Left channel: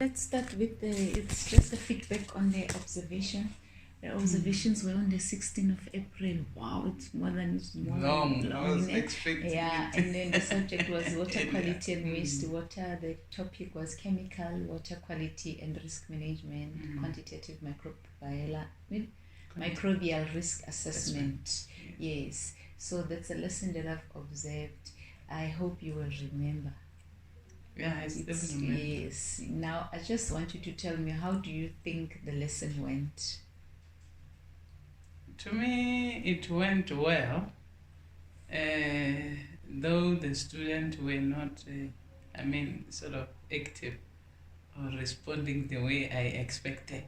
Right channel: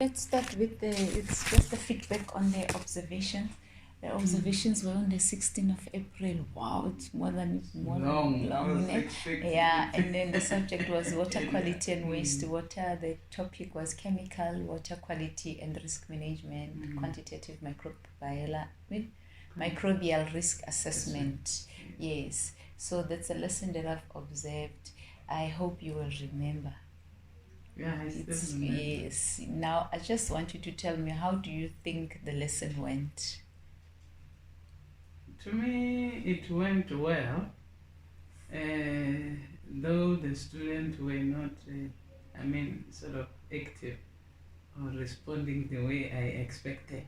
Let's start with it's just the feedback on the observation. The observations were on the 16th of April. Wow, it's more than long. I was expecting Yeah, it. and then the subject was water quality and wastewater. The topic was chemical, water quality and risk management, quantitative microbial risk assessment. Yes, so that's a lesson that I've observed. I hope you will remember. Yeah, yes. Now, I just want you to tell me, how do you think the lesson went? To me, it went well, though the students were not, sort of active or responding the way I expected.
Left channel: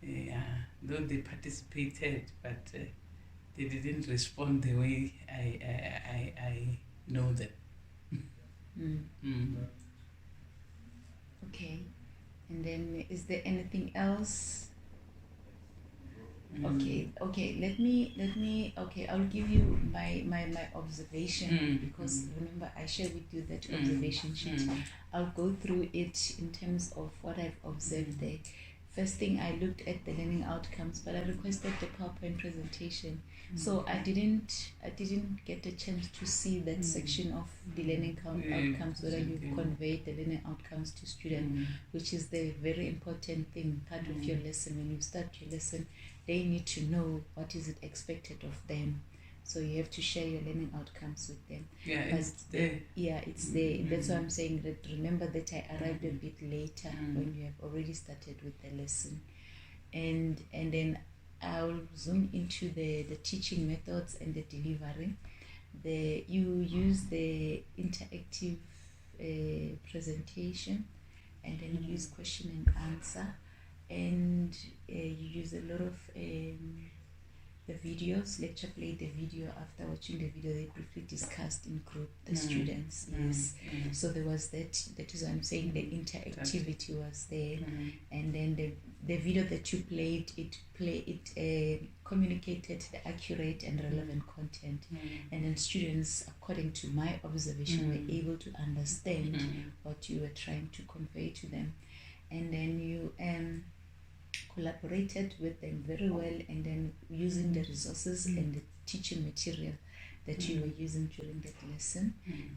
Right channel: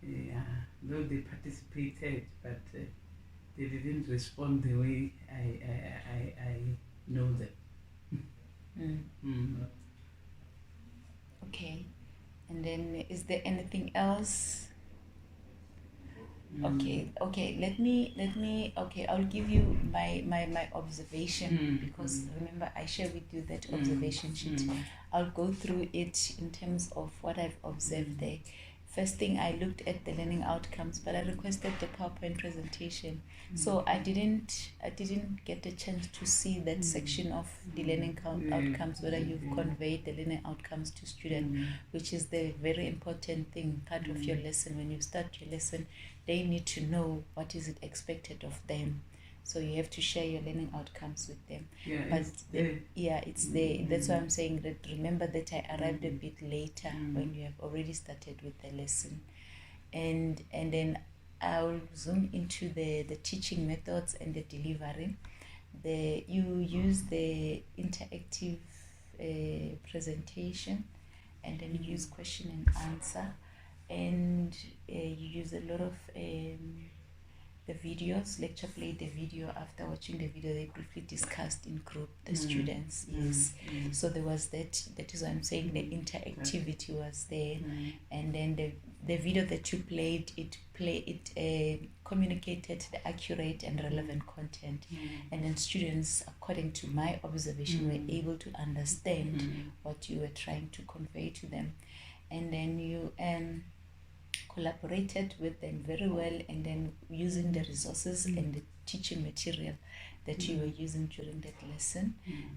Though they participated, but they didn't respond the way I know them. Okay, and then is there anything else? Okay, let me okay, I'll give you my observation, because remember I share with you that observation sheet. I'll go through it in terms of what I've observed there. First thing, I looked at the learning outcomes, but I requested the PowerPoint presentation, so I didn't get a chance to see that section of the learning outcomes, whether you've conveyed the learning outcomes to students, which is the very important thing, part of your lesson. When you start your lesson, they need to know what is it expected of them. So you have to share your learning outcomes with them. Yeah, but it's there. It's there. That's why I'm saying that remember that I arrived a bit later when you have already started with the lesson. And then I'll zoom into the teaching methods and the delivery. You use the interactive presentation, and then you use question and answer, and you use a lot of the videos. Lecture played the video. After watching the video, they briefly discussed in group, the students. Yes. So there was that is what I'm saying, the interactivity was there. And then the video that you played, it communicated the accurate and relevant content. And then students, according to my observation, were able to understand what you were trying to convey to them. And then you collaborated with them very well, and then using the resources and the teaching material that you were using during that lesson,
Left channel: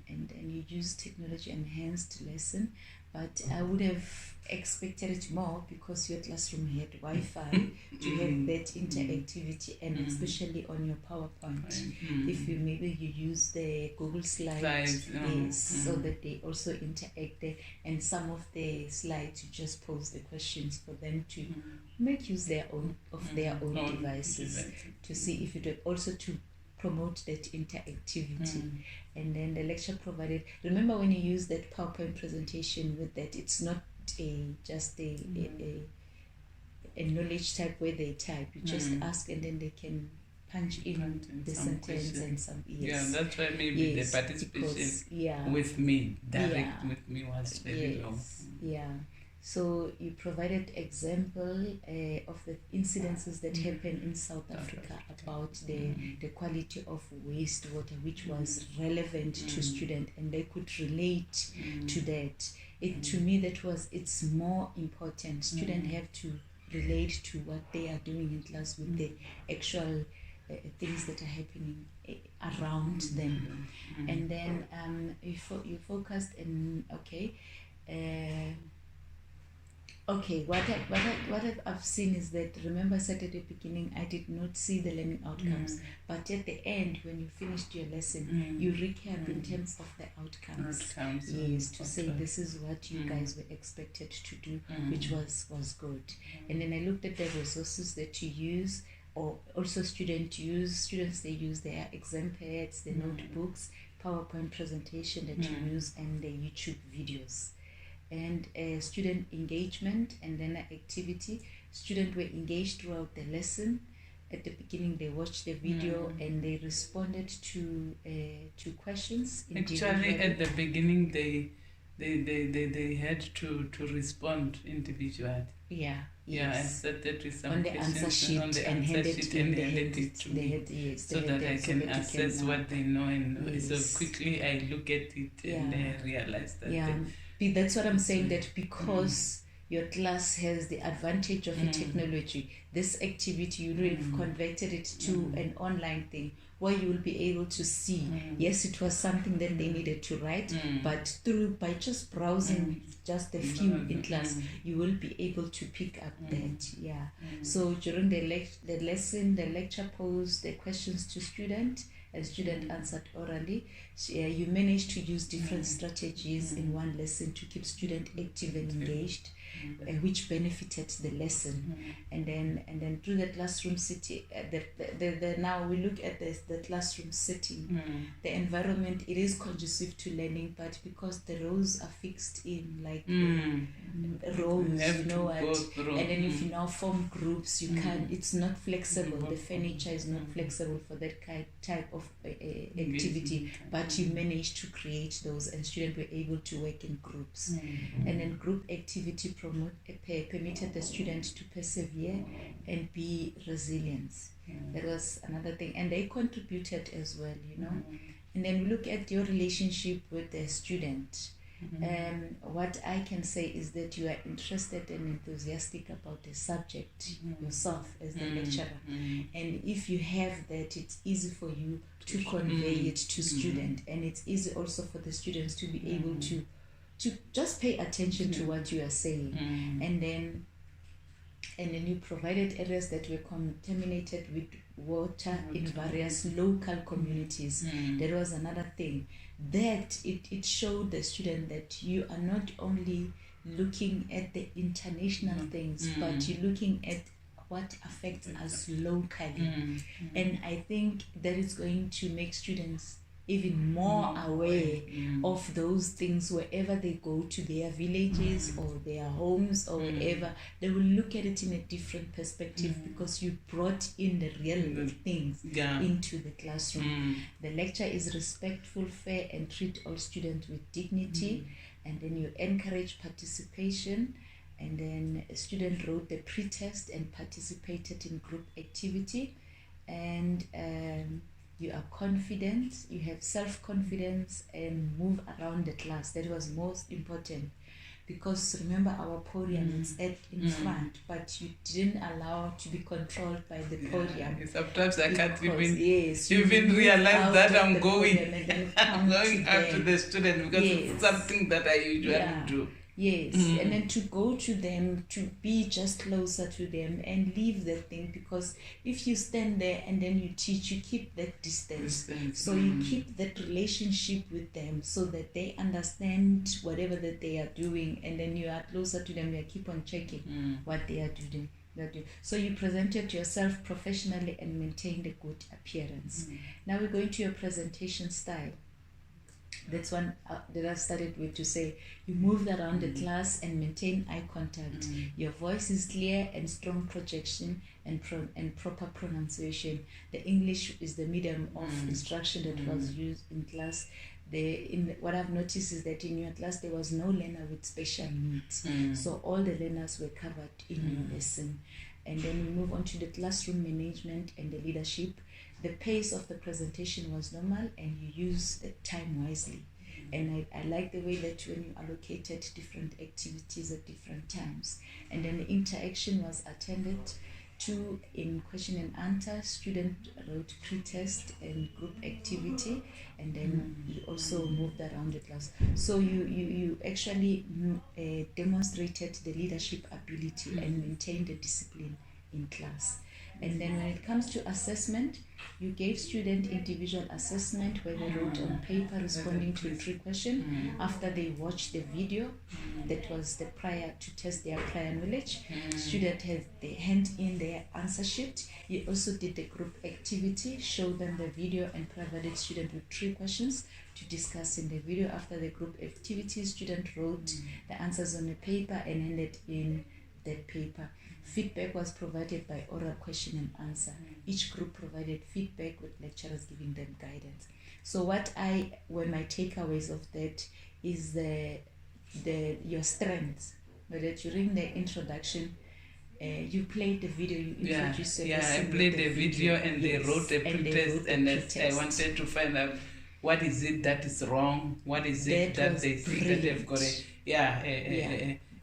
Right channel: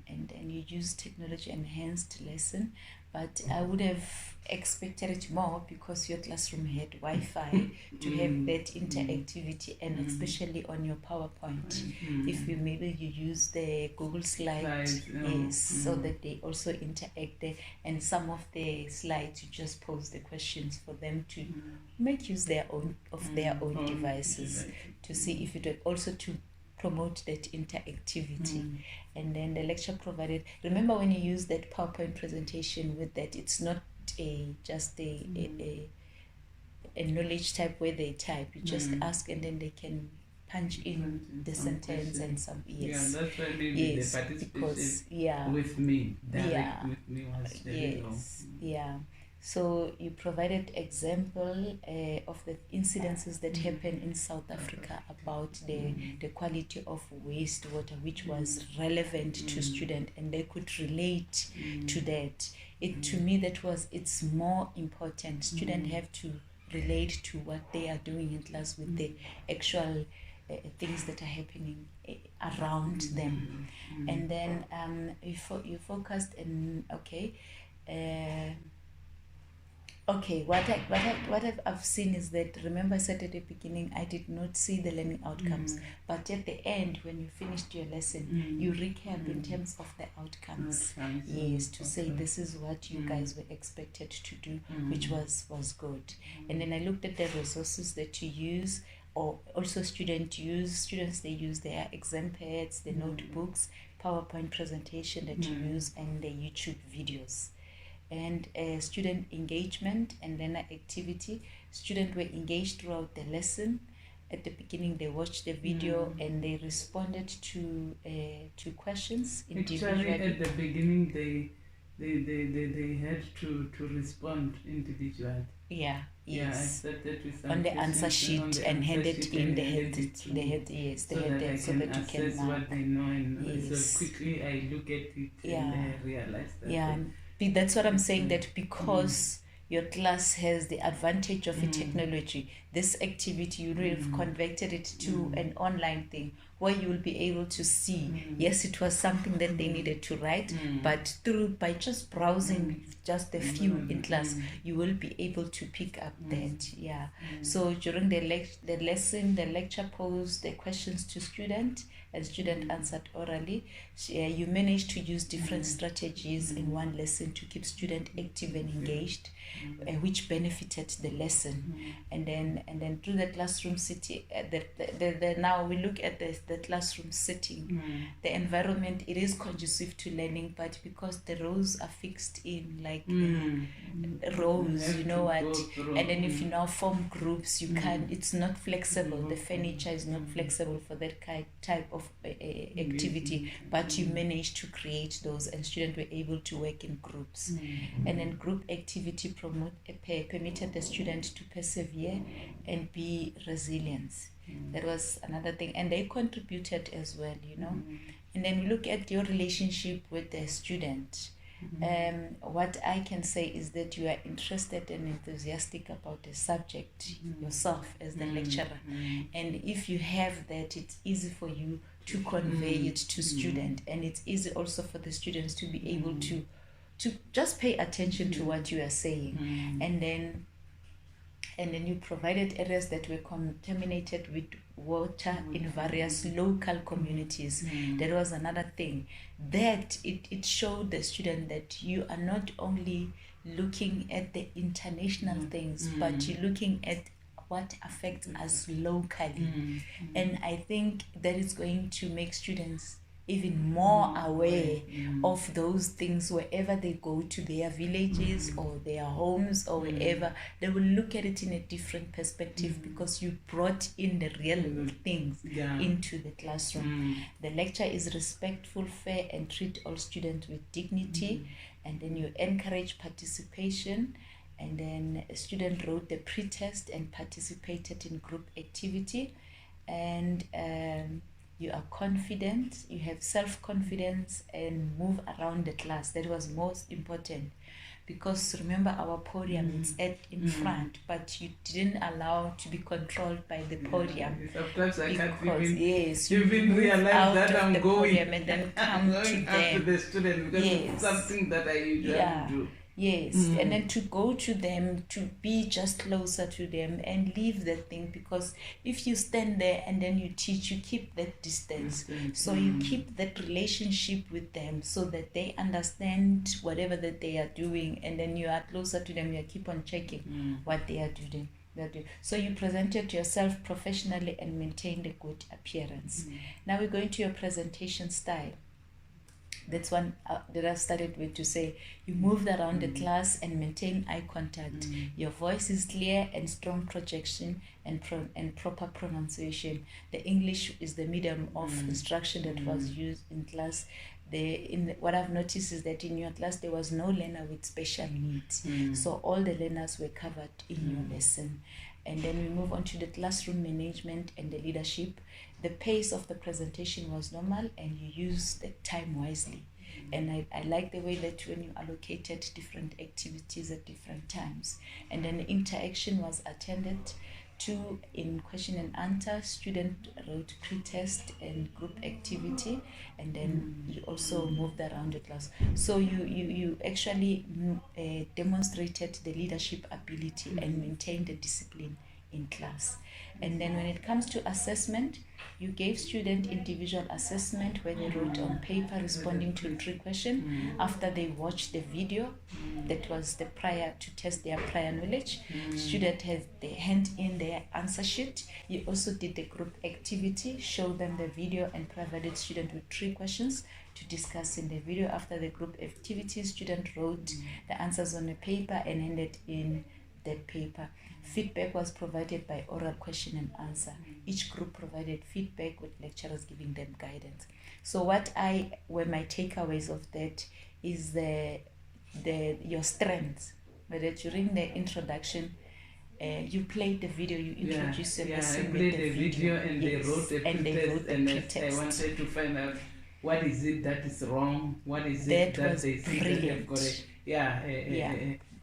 and then you used technology enhanced lesson. But I would have expected it more, because your classroom had Wi-Fi to have that interactivity, and especially on your PowerPoint. If you use the Google Slides, so that they also interact there, and some of the slides you just pose the questions for them to make use their own devices to see if it would also to promote that interactivity. And then the lecture provided, remember when you use that PowerPoint presentation with that, it's not just a knowledge type where they type. You just ask, and then they can punch in the sentence and some. Yeah, that's why maybe the participation with me, direct with me, was very low. Yeah. So you provided example of the incidences that happen in South Africa about the quality of wastewater, which was relevant to students, and they could relate to that. To me, it's more important. Students have to relate to what they are doing in class with the actual things that are happening around them. And then you focused in what I've seen is that, remember I said at the beginning, I did not see the learning outcomes, but at the end, when you finished your lesson, you recap in terms of the outcomes. Yes, to say this is what you guys were expected to do, which was good. And then I looked at the resources that you use, or also students they use their exam pads, the notebooks, PowerPoint presentation that you use, and the YouTube videos. And student engagement and learner activity. Students were engaged throughout the lesson. At the beginning, they watched the video and they responded to questions. Actually, at the beginning, they had to respond individually. Yeah. Yes. I started with some on the answer sheet and handed in. So that I can assess what they know, and so quickly I look at it and I realize that That's what I'm saying, that because your class has the advantage of a technology, this activity, you will have converted it to an online thing where you will be able to see, yes, it was something that they needed to write, but by just browsing just a few in class, you will be able to pick up that. Yeah. So during the lesson, the lecture posed the questions to student, and student answered orally. So, you managed to use different strategies in one lesson to keep student active and engaged, which benefited the lesson. And then through the classroom setting, now we look at the classroom setting. The environment, it is conducive to learning, but because the rows are fixed in like rows, you know what, and then if you now form groups, you can, it's not flexible. The furniture is not flexible for that type of activity, but you managed to create those, and students were able to work in groups. And then group activity permitted the student to persevere and be resilient. That was another thing, and they contributed as well, you know. And then we look at your relationship with the student. What I can say is that you are interested and enthusiastic about the subject yourself as the lecturer, and if you have that, it's easy for you to convey it to students, and it's easy also for the students to be able to just pay attention to what you are saying. And then you provided areas that were contaminated with water in various local communities. That was another thing, that it showed the student that you are not only looking at the international things, but you're looking at what affects us locally. And I think that is going to make students even more aware of those things wherever they go to their villages or their homes or wherever. They will look at it in a different perspective because you brought in the real things into the classroom. The lecture is respectful, fair, and treat all students with dignity. And then you encourage participation. And then a student wrote the pre-test and participated in group activity. And you are confident, you have self-confidence, and move around the class. That was most important, because remember, our podium is in front, but you didn't allow to be controlled by the podium. Sometimes I can't even realize that I'm going up to the student, because it's something that I usually do. Yes, and then to go to them, to be just closer to them and leave that thing, because if you stand there and then you teach, you keep that distance. So you keep that relationship with them so that they understand whatever that they are doing, and then you are closer to them, you keep on checking what they are doing. So you presented yourself professionally and maintained a good appearance. Now we're going to your presentation style. That's one that I've started with, to say you moved around the class and maintain eye contact. Your voice is clear and strong projection and proper pronunciation. The English is the medium of instruction that was used in class. What I've noticed is that in your class there was no learner with special needs. So all the learners were covered in your lesson. And then we move on to the classroom management and the leadership. The pace of the presentation was normal, and you used the time wisely. And I like the way that when you allocated different activities at different times. And then the interaction was attended to in question and answer. Student wrote pre-test and group activity, and then you also moved around the class. So you actually demonstrated the leadership ability and maintained the discipline in class. And then when it comes to assessment, you gave student individual assessment where they wrote on paper responding to 3 questions after they watched the video. That was the prior to test their prior knowledge. Student had they hand in their answer sheet. You also did the group activity, show them the video, and provided student with 3 questions to discuss in the video. After the group activity, student wrote the answers on the paper and handed in the paper. Feedback was provided by oral question and answer. Each group provided feedback with lecturers giving them guidance. So what were my takeaways of that is your strengths. That during the introduction, you played the video, you introduced the lesson. I played the video and they wrote a pre-test, and I wanted to find out what is it that is wrong, what is it that they think that they've got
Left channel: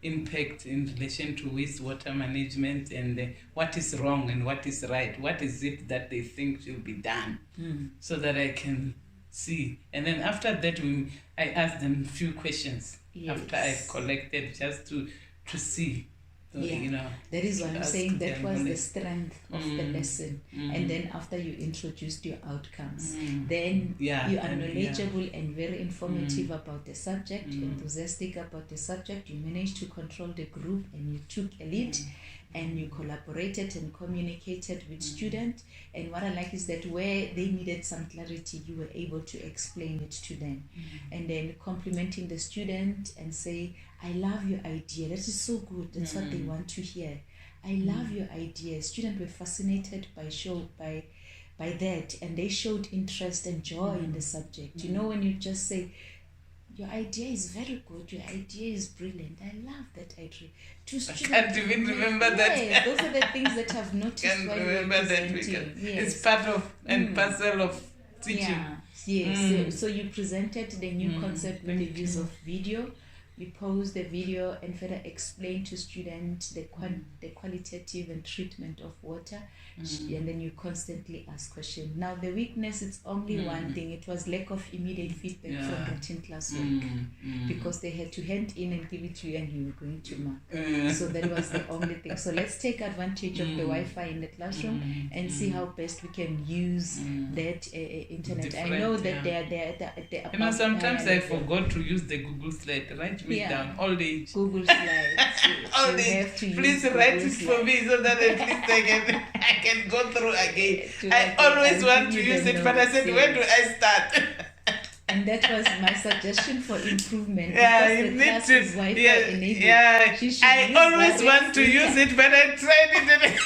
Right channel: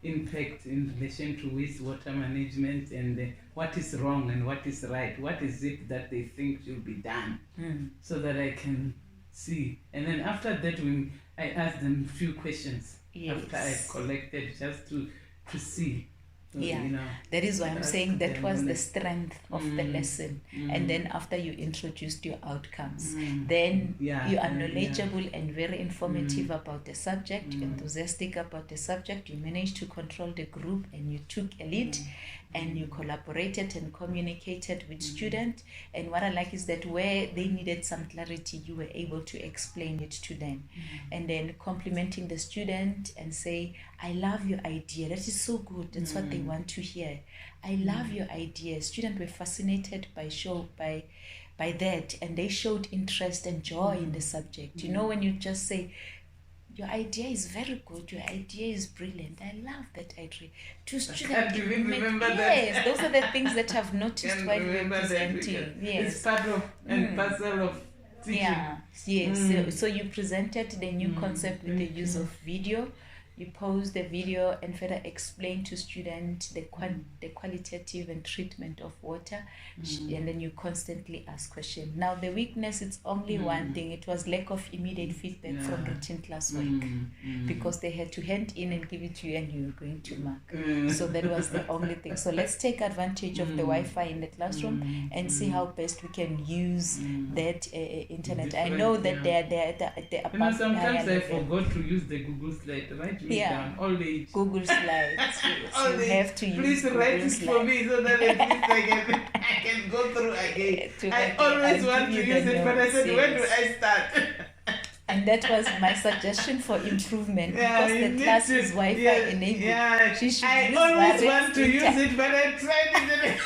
impact in relation to wastewater management, and what is wrong and what is right. What is it that they think should be done, so that I can see. And then after that, I ask them a few questions after I've collected, just to see. That is why I'm saying that was the strength of the lesson. And then after you introduced your outcomes, then you are knowledgeable and very informative about the subject, enthusiastic about the subject. You managed to control the group and you took a lead, and you collaborated and communicated with students. And what I like is that where they needed some clarity, you were able to explain it to them. And then complimenting the student and say, I love your idea. That is so good. That's what they want to hear. I love your idea. Students were fascinated by that, and they showed interest and joy in the subject. You know, when you just say, your idea is very good, your idea is brilliant, I love that idea. I can't even remember that. Yes, those are the things that I've noticed while we're presenting. It's part of and parcel of teaching. Yes. So you presented the new concept with the use of video. You pause the video and further explain to students the qualitative and treatment of water, and then you constantly ask questions. Now the weakness is only one thing. It was lack of immediate feedback from routine classwork, because they had to hand in and give it to you and you were going to mark. So that was the only thing. So let's take advantage of the Wi-Fi in the classroom and see how best we can use that internet. I know that they're sometimes I forgot to use the Google slide, right? Down all day. Google Slides. All day. Have to Please write it for me so that at least I can go through again. I always want to use it, but I said, where do I start? And that was my suggestion for improvement, because the class is Wi-Fi enabled. I always want to use it, but I tried it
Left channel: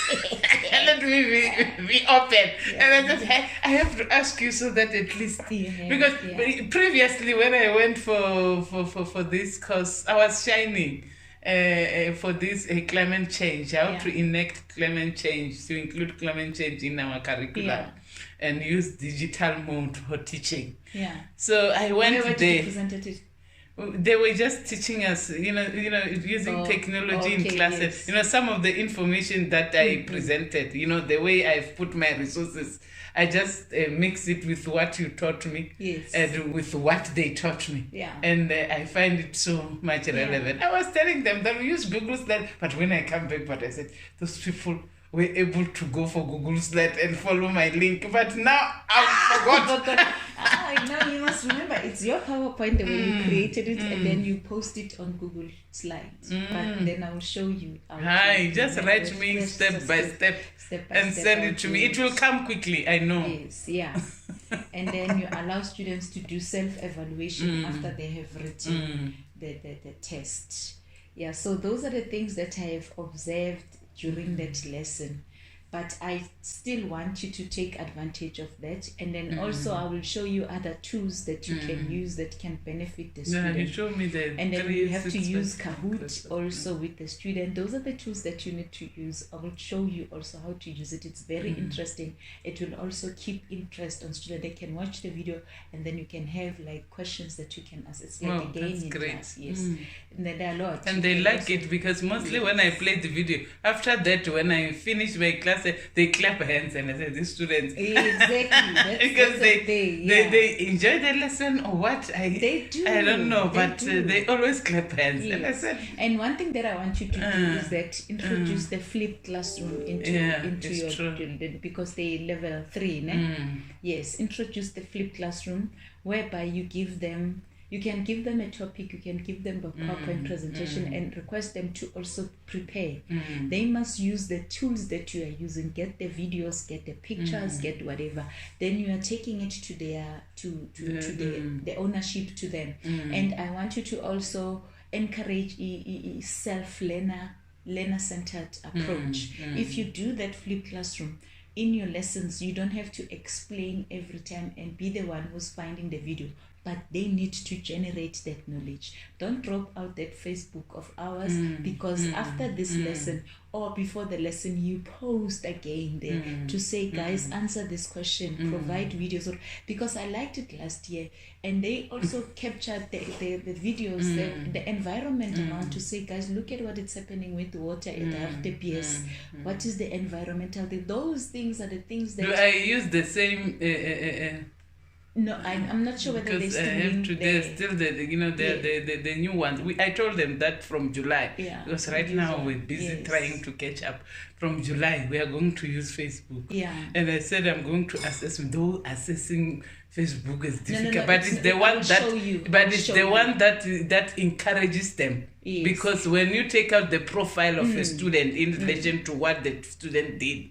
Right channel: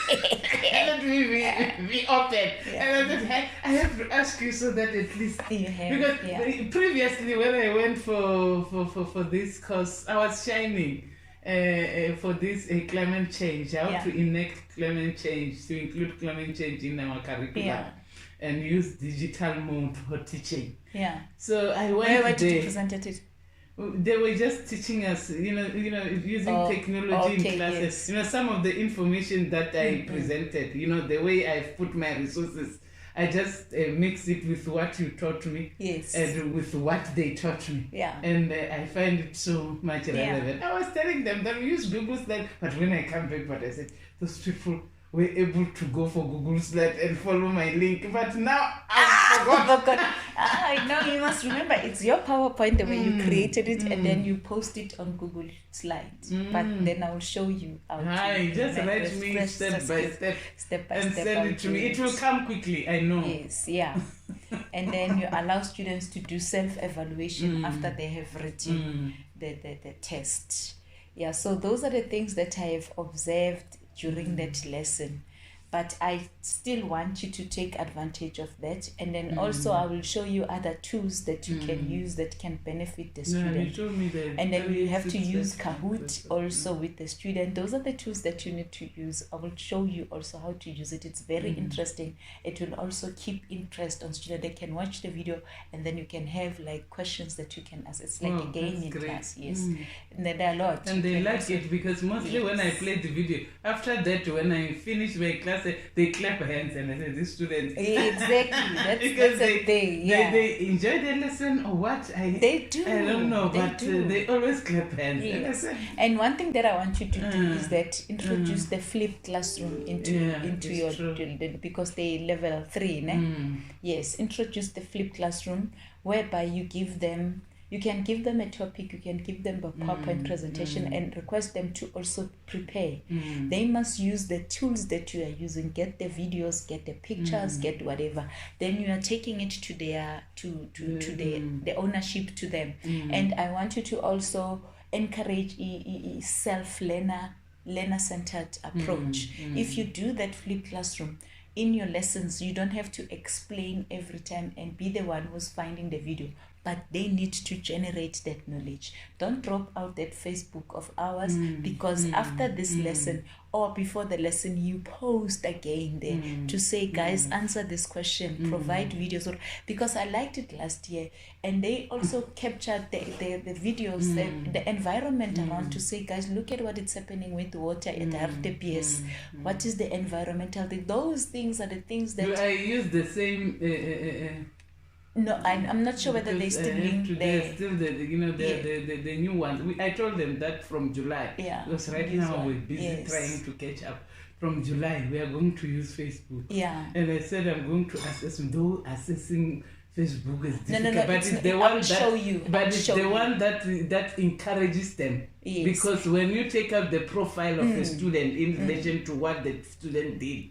and we open. And I said, I have to ask you so that at least because previously when I went for this course, I was shining for this climate change, how to enact climate change, to include climate change in our curriculum. And use digital mode for teaching. So I went there. Did you present it? They were just teaching us, using technology in classes. Some of the information that I presented, the way I've put my resources, I just mix it with what you taught me and with what they taught me. And I find it so much relevant. I was telling them that we use Google Slide, but when I come back, but I said, those people were able to go for Google Slide and follow my link, but now I forgot. No, you must remember, it's your PowerPoint, the way you created it, and then you post it on Google Slides. But then I'll show you. Just write me step by step and send it to me. It will come quickly, I know. Yes, and then you allow students to do self-evaluation after they have written the test. So those are the things that I have observed during that lesson, but I still want you to take advantage of that, and then also I will show you other tools that you can use that can benefit the student. You show me the and then you have to use Kahoot also with the student. Those are the tools that you need to use. I will show you also how to use it. It's very interesting. It will also keep interest on students. They can watch the video and then you can have like questions that you can ask. It's like a game in class. And then there are a lot. And they like it because mostly when I play the video, after that, when I finish my class, they clap hands and I say, these students. Exactly. Because they enjoy the lesson or what? They do. I don't know, but they always clap hands. And one thing that I want you to do is that introduce the flipped classroom into your children, because they level 3. Yes, introduce the flipped classroom whereby you can give them a topic, you can give them a PowerPoint presentation and request them to also prepare. They must use the tools that you are using, get the videos, get the pictures, get whatever. Then you are taking it to their the ownership to them. And I want you to also encourage a learner-centered approach. If you do that flipped classroom, in your lessons, you don't have to explain every time and be the one who's finding the video. but they need to generate that knowledge. Don't drop out that Facebook of ours, because after this lesson or before the lesson, you post again there to say, guys, answer this question, provide videos. Because I liked it last year, and they also captured the videos, the environment around, to say, guys, look at what is happening with the water at the RTPS. What is the environmental thing? Those things are the things that... Do I use the same... No, I'm not sure whether they still link there. Still the new ones. I told them that from July. Yeah. Because right now we're busy trying to catch up. From July we are going to use Facebook. Yeah. And I said I'm going to assess. Though assessing Facebook is difficult, no, but it's the one that that encourages them. Yes. Because when you take out the profile of a student in relation to what the student did,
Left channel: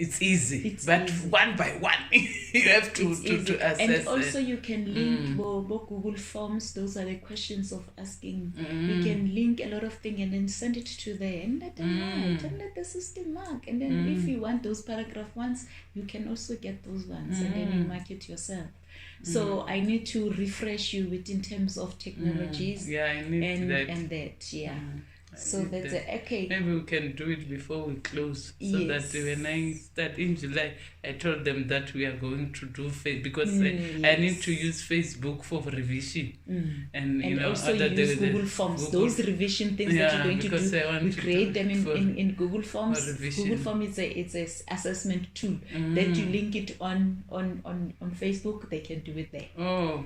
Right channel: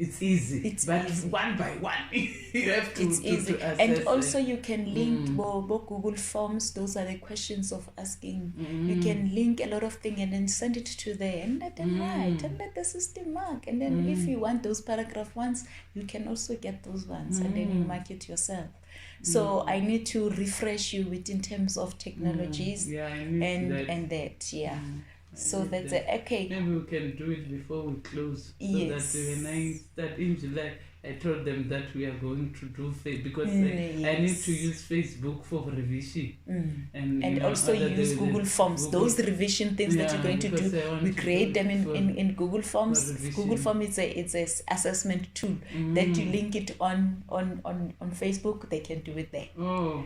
it's easy, but one by one you have to assess. And also you can link Google Forms. Those are the questions of asking. You can link a lot of things and then send it to them and let them write and let the system mark. And then if you want those paragraph ones, you can also get those ones and then you mark it yourself. So I need to refresh you with in terms of technologies and that. So that's okay. Maybe we can do it before we close, so that when I start in July, I told them that we are going to do because I need to use Facebook for revision, and also use Google Forms. Those revision things that you're going to do, we create them in Google Forms. Google Form is it's a assessment tool that you link it on Facebook. They can do it there. Oh,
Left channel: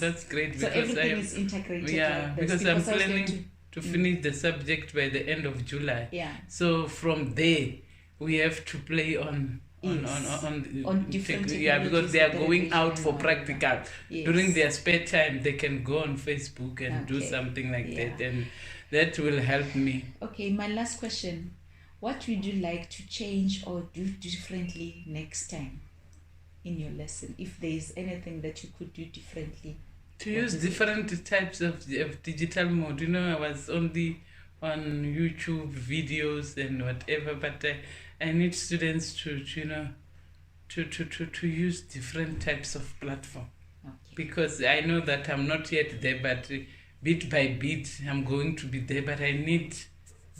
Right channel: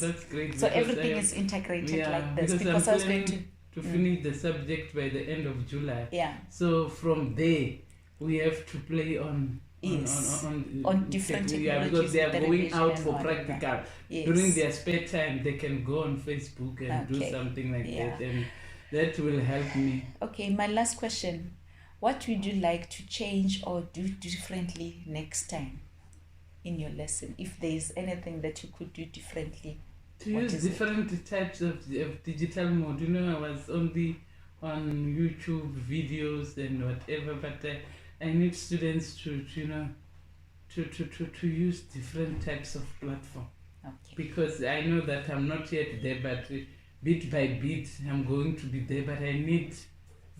that's great. So everything is integrated. Yeah, because I'm planning to finish the subject by the end of July. Yeah. So from there, we have to play on different technologies. Because they are going out for practical. During their spare time, they can go on Facebook and do something like that, and that will help me. Okay, my last question. What would you like to change or do differently next time in your lesson? If there is anything that you could do differently. To use different types of digital mode. I was only on YouTube videos and whatever, but I need students to use different types of platform. Because I know that I'm not yet there, but bit by bit I'm going to be there, but I need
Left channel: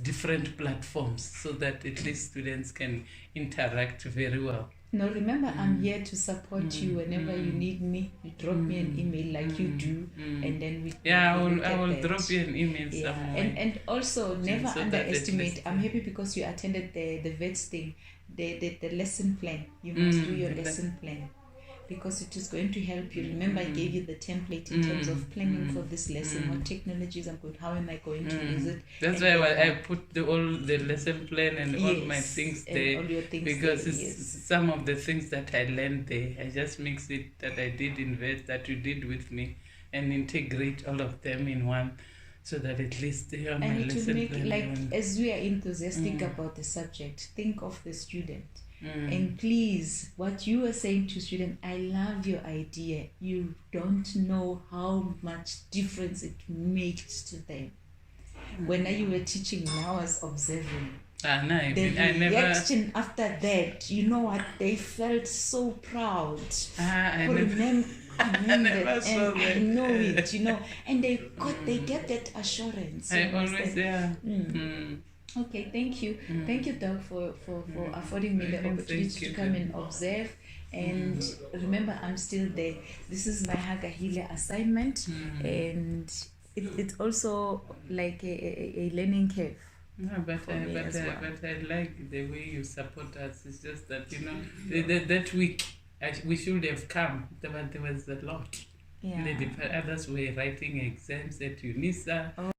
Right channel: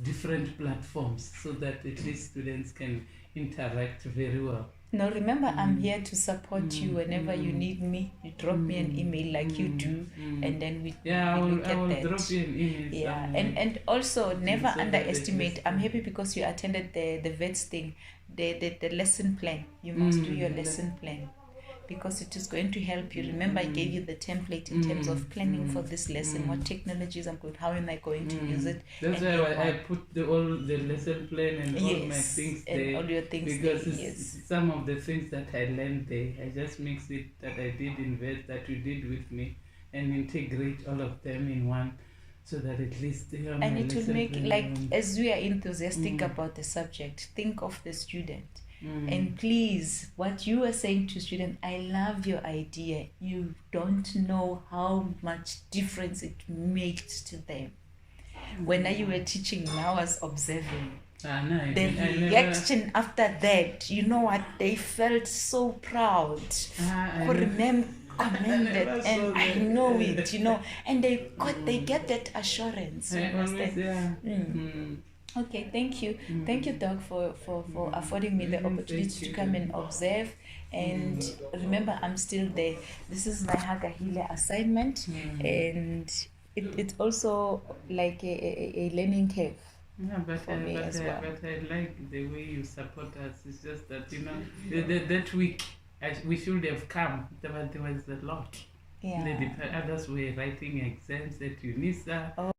different platforms so that at least students can interact very well. Now remember, I'm here to support you whenever you need me. You drop me an email like you do, and then we I will drop you an email somewhere. And also never underestimate. I'm happy because you attended the VETS thing, the lesson plan. You must do your lesson plan, because it is going to help you. Remember, I gave you the template in terms of planning for this lesson. What technologies I'm good, how am I going to use it? That's why I put all the lesson plan and all my things there, all your things because there, it's some of the things that I learned there. I just mix it that I did in VETS, that you did with me, and integrate all of them in one, so that at least they are my lesson plan. And it will make, as we are enthusiastic about the subject, think of the student. And please, what you are saying to students, I love your idea. You don't know how much difference it makes to them. When you were teaching and I was observing, the reaction after that, you know what, they felt so proud. I know it, and they get that assurance. Okay, thank you. Thank you, Doug, for affording me the opportunity to come and observe. And remember, I'm still there. This is my Hagahile assignment, and it's also like a learning curve. Yeah, but I like the way you support us. It's just that, that week we should have come. There was a lot. Yeah. The others were writing exams at UNISA.